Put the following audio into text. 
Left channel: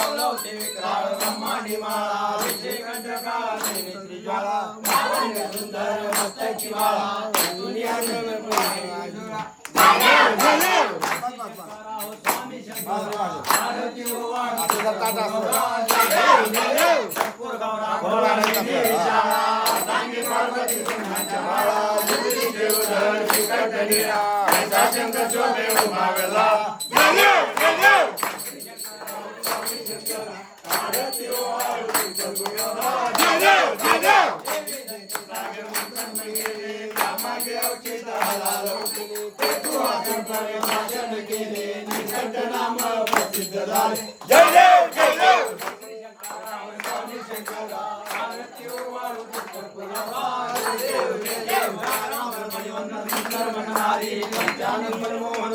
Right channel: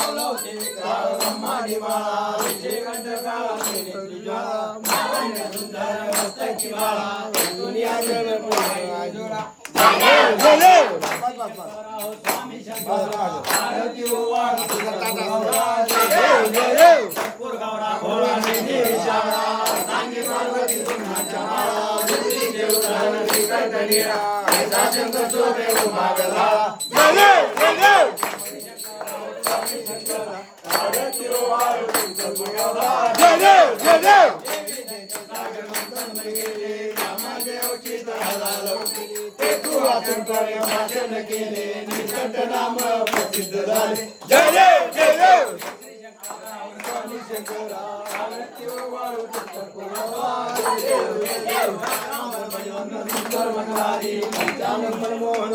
ब्रह्मांडी माळा विजय कंठकाळा त्रिज्वाळा लावण्य सुंदर मस्तकी माळा दुनिया जगपुरा स्वामी शंकर आरती सांगी पार्वती पुन्हाच्या माळा बुद्धी देवधर विकटलीला शंकर चोखे उभागला नाम प्रसिद्ध झाले जय देव जय देव मनमोहन